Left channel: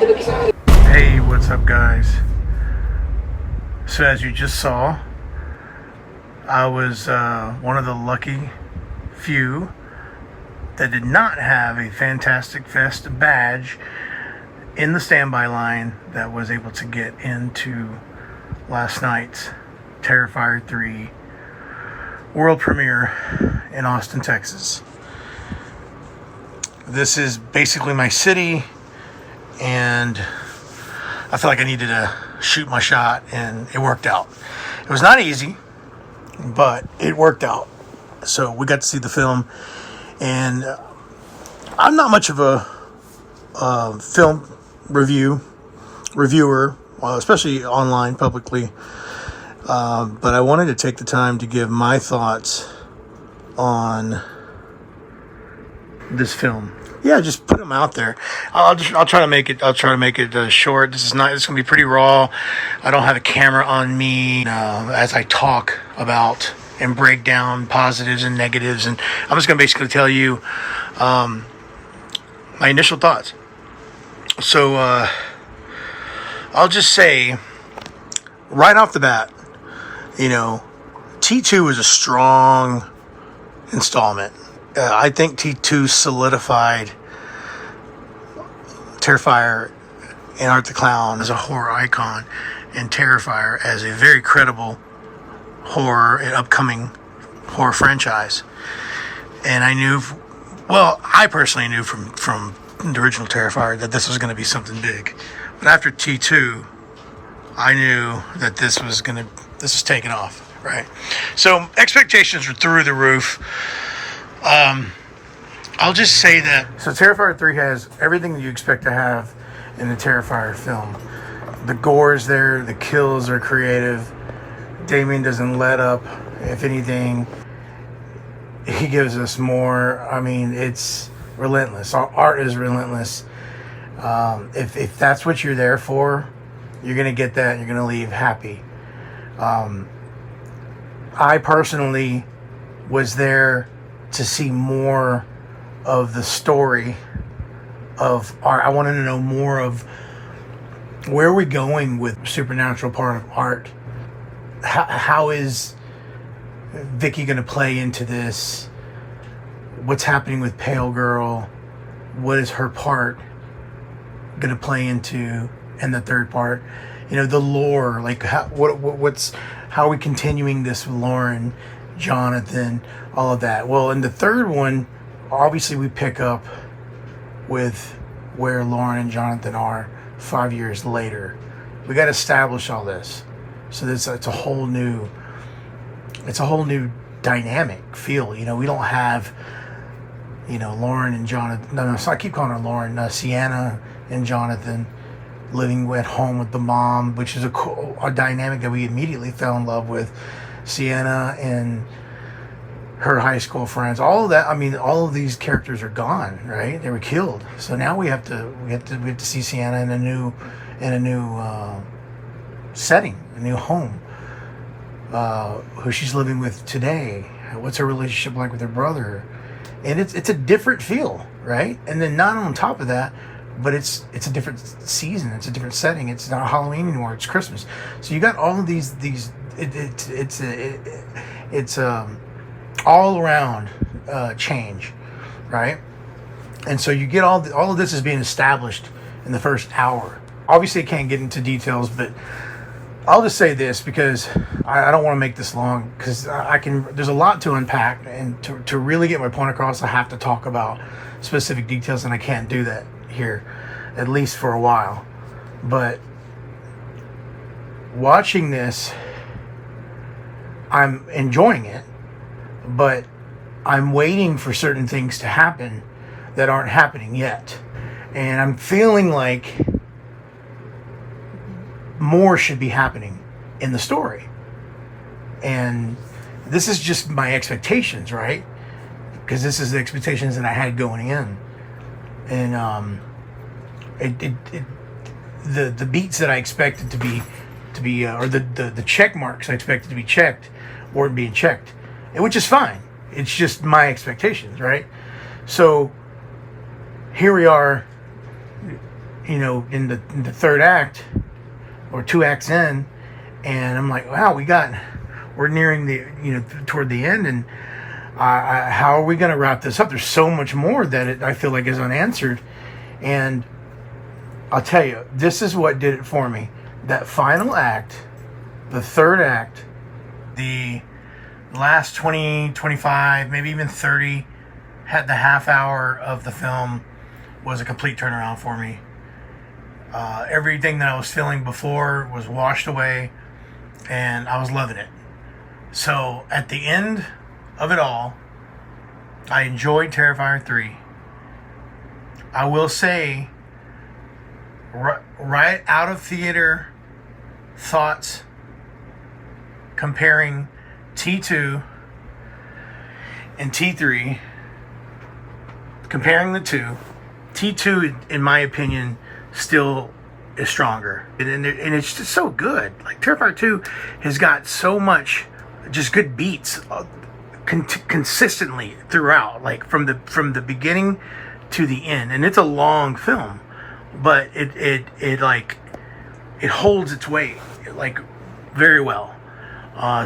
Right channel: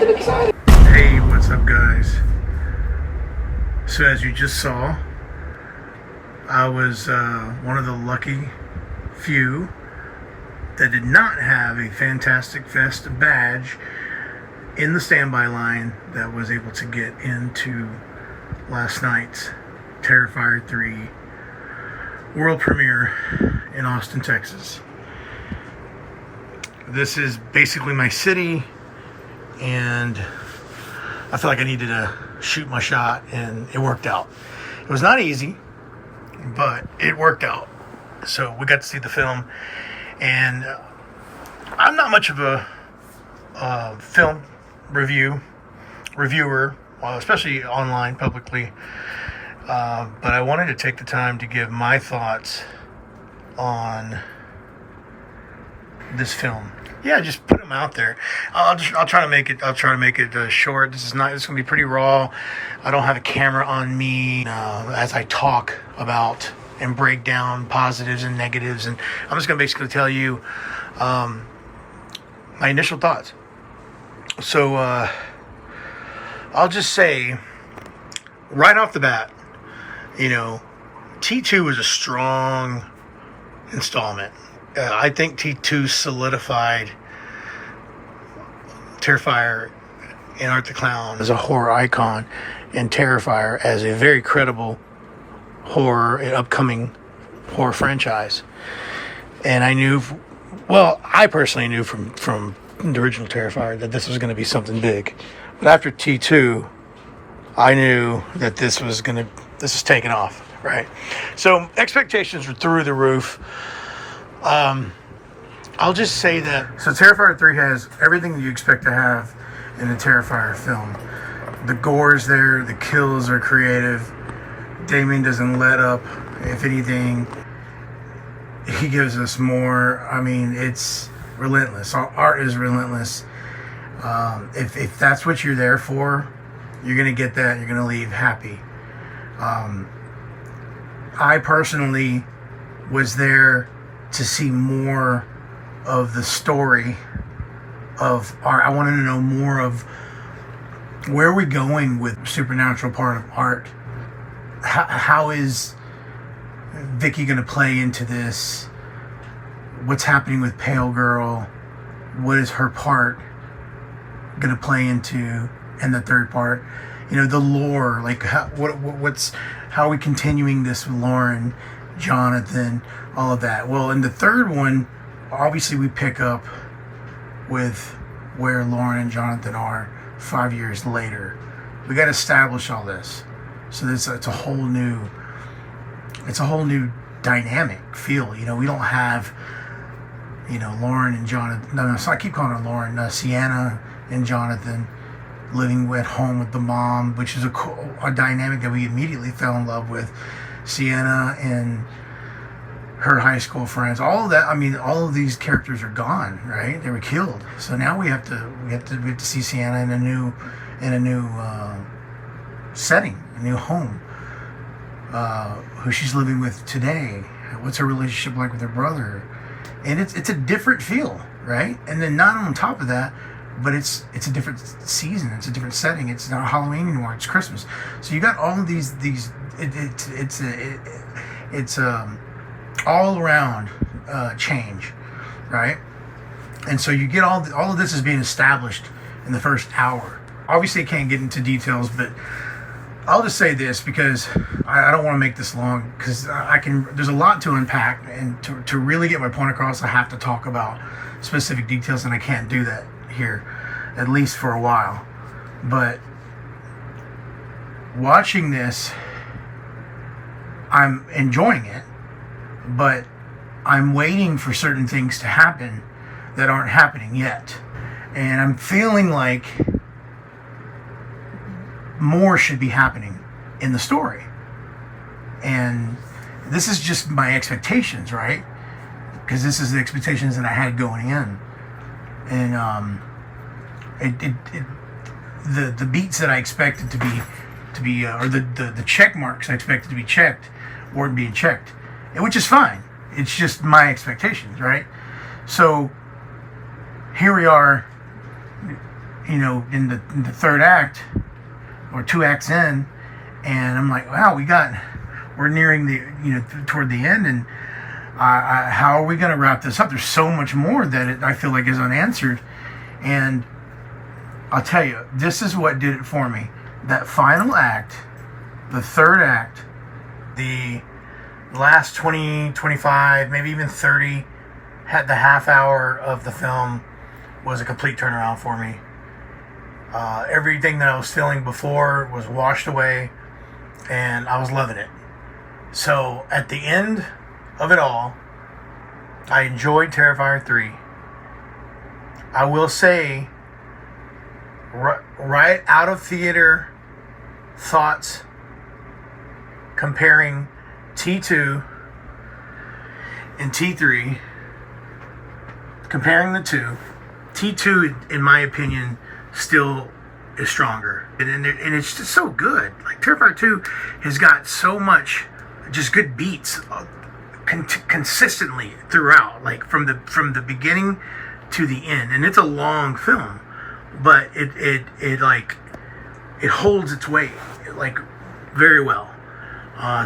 Hey, what's up, guys? So as you just saw, I was one of the lucky few that did not have a Fantastic Fest badge in the standby line that was able to get into last night's Terrifier 3 world premiere in Austin, Texas. This is basically my city, and I feel like I needed to shoot my shot, and it worked out. It was not easy, but it worked out. So we got to see the film, and I'm not much of a film reviewer, especially online, publicly. But I wanted to take the time to give my thoughts on this film. Yeah, just put them out there. I'll try to make it short. This is gonna be pretty raw. I don't have a camera on me as I talk about and break down positives and negatives, and I'm just gonna basically tell you my initial thoughts. So I'll just say right off the bat, T2 is a strong installment. I think T2 solidified Terrifier and Art the Clown as a horror icon, and Terrifier as a very credible horror and upcoming horror franchise. And I personally knew from the original Terrifier that this was going to be something big. But after T2, I knew that this was taking off, right? So expectations were through the roof. I'll just say that. So Terrifier 3 has everything that you expect to have in a Terrifier film. The gore is there. The kills are creative. Damien doesn't let up. If anything, he gives us more. I mean, it's relentless. Our art is relentless. If that's what you're there for, you're going to get that and you're going to leave happy. I personally was there to see more of the story of art. I wanted to know more of where we're going with supernatural part of art. How is Vicky going to play into this? What's happening with Pale Girl? What is her part going to play into in the third part? The lore, like how are we continuing this with Lauren, Jonathan, all of that. Well, in the third one, obviously we pick up with where Lauren and Jonathan are 5 years later. We got to establish all this. So it's a whole new dynamic feel. We don't have Lauren and Jonathan. No, so I keep calling her Lauren. Sienna and Jonathan living at home with the mom, which is a dynamic that we immediately fell in love with. Sienna and her high school friends, all of that. I mean, all of these characters are gone, right? They were killed. So now we have to see Sienna in a new setting, a new home. Who she's living with today. What's her relationship like with her brother? And it's a different feel, right? And then not on top of that, but it's a different season. It's a different setting. It's not Halloween anymore. It's Christmas. So you got all of these. It's all around change, right? And so you get all of this is being established in the first hour. Obviously, I can't get into details, but I'll just say this because I don't want to make this long, because there's a lot to unpack, and to really get my point across, I have to talk about specific details, and I can't do that here, at least for a while. But watching this, I'm enjoying it, but I'm waiting for certain things to happen that aren't happening yet. And I'm feeling like more should be happening in the story. And this is just my expectations, right? Because this is the expectations that I had going in. And the beats that I expected to be or the check marks I expected to be checked weren't being checked, and which is fine. It's just my expectations, right? So here we are, in the third act or 2 acts in, and I'm like, wow, we're nearing the toward the end, and how are we going to wrap this up? There's so much more that I feel like is unanswered, and I'll tell you, this is what did it for me. That final act, the third act, the last 20, 25, maybe even 30, had the half hour of the film was a complete turnaround for me. Everything that I was feeling before was washed away, and I was loving it. So at the end of it all, I enjoyed Terrifier 3. I will say, right out of theater thoughts, comparing T2 and T3, comparing the two, T2, in my opinion, still is stronger. And it's just so good. Like, Terrifier 2 has got so much just good beats consistently throughout, like from the beginning to the end. And it's a long film, but it holds its weight like very well.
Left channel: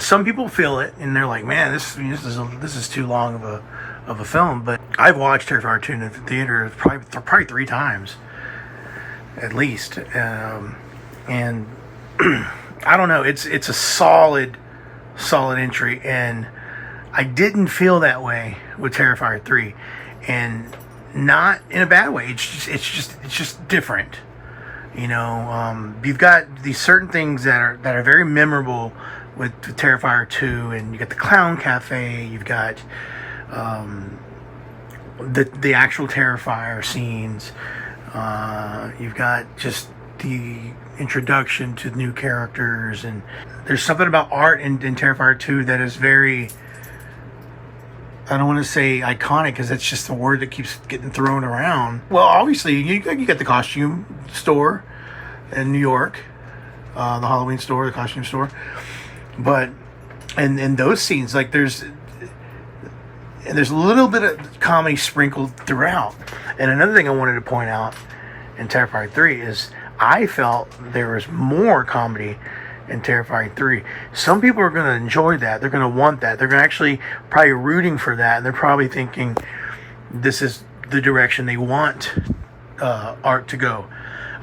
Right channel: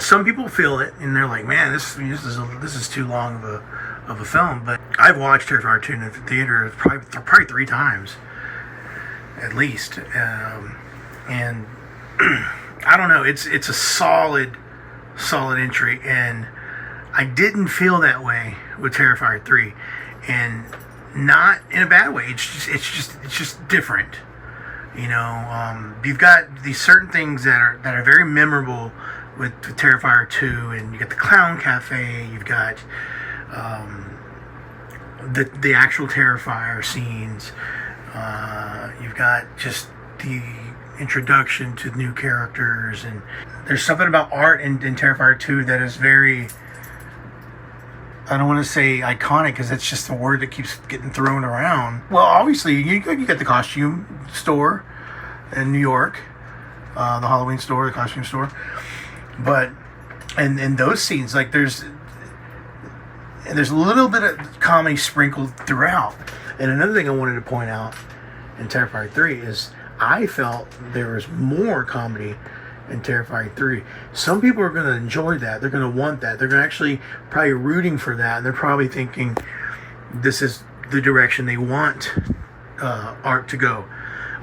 Some people feel it and they're like, man, this is too long of a film. But I've watched Terrifier 2 in the theater probably 3 times at least, and I don't know, it's a solid entry, and I didn't feel that way with Terrifier 3, and not in a bad way. It's just different. You've got these certain things that are very memorable with Terrifier 2, and you got the Clown Cafe, you've got the actual Terrifier scenes, you've got just the introduction to new characters, and there's something about art in Terrifier 2 that is very, I don't want to say iconic, because it's just a word that keeps getting thrown around. Well, obviously, you got the costume store in New York, the Halloween store, the costume store. But, and those scenes, like there's a little bit of comedy sprinkled throughout. And another thing I wanted to point out in Terrifier 3 is I felt there was more comedy in Terrifier 3. Some people are going to enjoy that. They're going to want that. They're going to actually probably rooting for that. And they're probably thinking this is the direction they want art to go.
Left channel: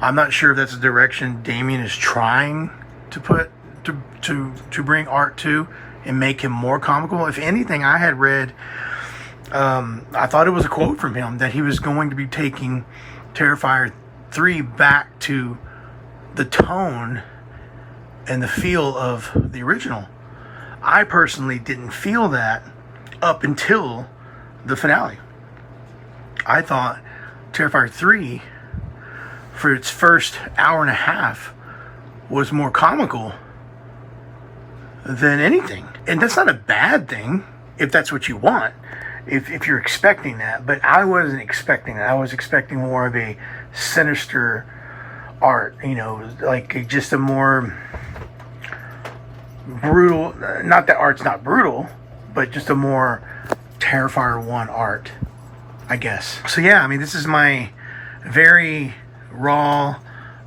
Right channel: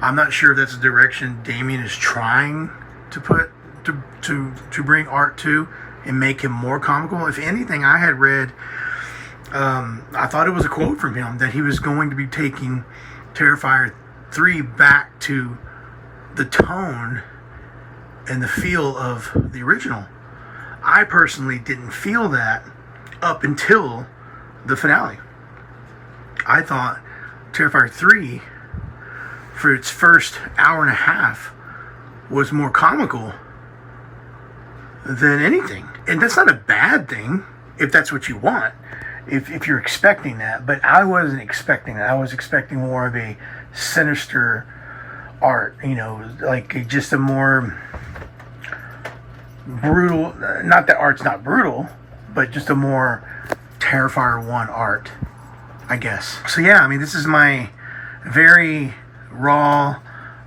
I'm not sure if that's the direction Damien is trying to put to bring art to and make him more comical. If anything, I had read, I thought it was a quote from him that he was going to be taking Terrifier 3 back to the tone and the feel of the original. I personally didn't feel that up until the finale. I thought Terrifier 3, for its first hour and a half, was more comical than anything. And that's not a bad thing if that's what you want, if you're expecting that. But I wasn't expecting that. I was expecting more of a sinister art, like just a more brutal, not that art's not brutal, but just a more Terrifier 1 art, I guess. So yeah, this is my very raw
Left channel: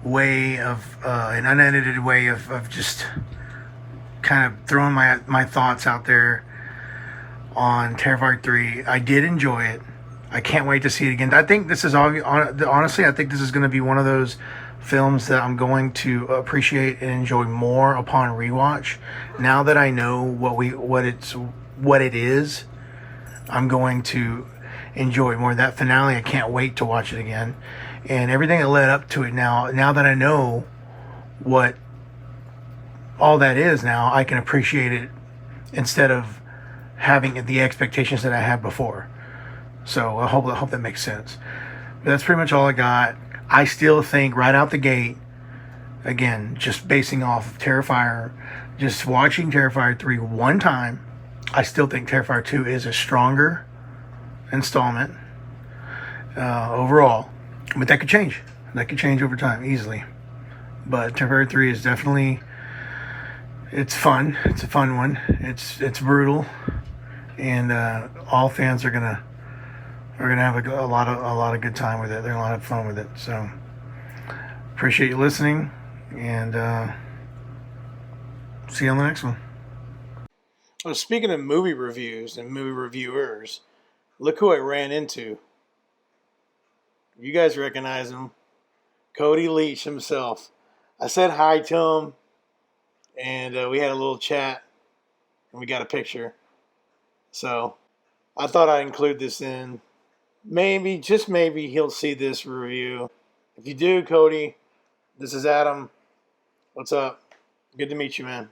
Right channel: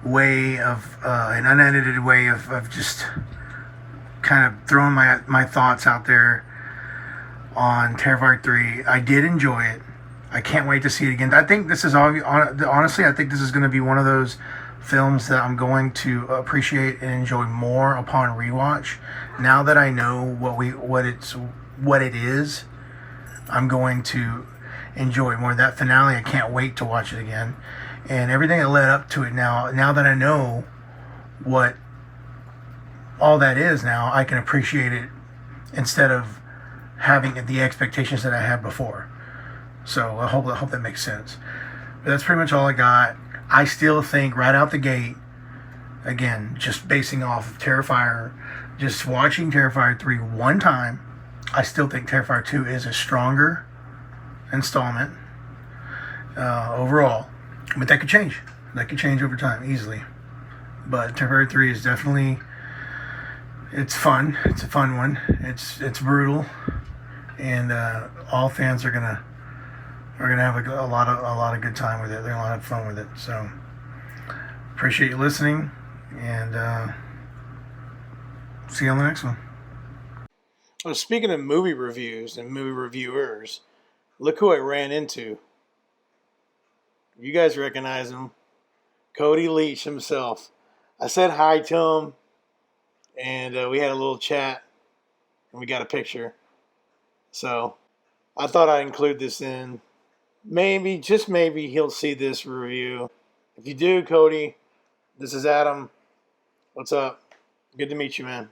way of, an unedited way of just kind of throwing my thoughts out there on Terrifier 3. I did enjoy it. I can't wait to see it again. I think this is, honestly, I think this is going to be one of those films that I'm going to appreciate and enjoy more upon rewatch. Now that I know what it is, I'm going to enjoy more. That finale, I can't wait to watch it again. And everything that led up to it, now that I know what all that is, now I can appreciate it instead of having the expectations that I had before. So I hope that makes sense. But that's pretty much all I got. I still think right out the gate, again, just basing off of Terrifier, just watching Terrifier 3 one time, I still think Terrifier 2 is a stronger installment overall. But that could change. That could change over time easily. But Terrifier 3 is definitely, it's fun. It's a fun one. It's brutal, and all fans are gonna have a lot of good time with it. They're a lot of fun with it. So Appreciate you listening, and see you on the next one. Oh, speaking of movie reviews and movie reviewers, look who I ran into. You guys recognize him. Cody Leach himself. I said hi to him, and we had a little chat, and we got a picture. So I thought I'd include this in. Maybe, just maybe, he'll see this review. If you do, Cody, this is Adam. What's up? Good to meet you, man.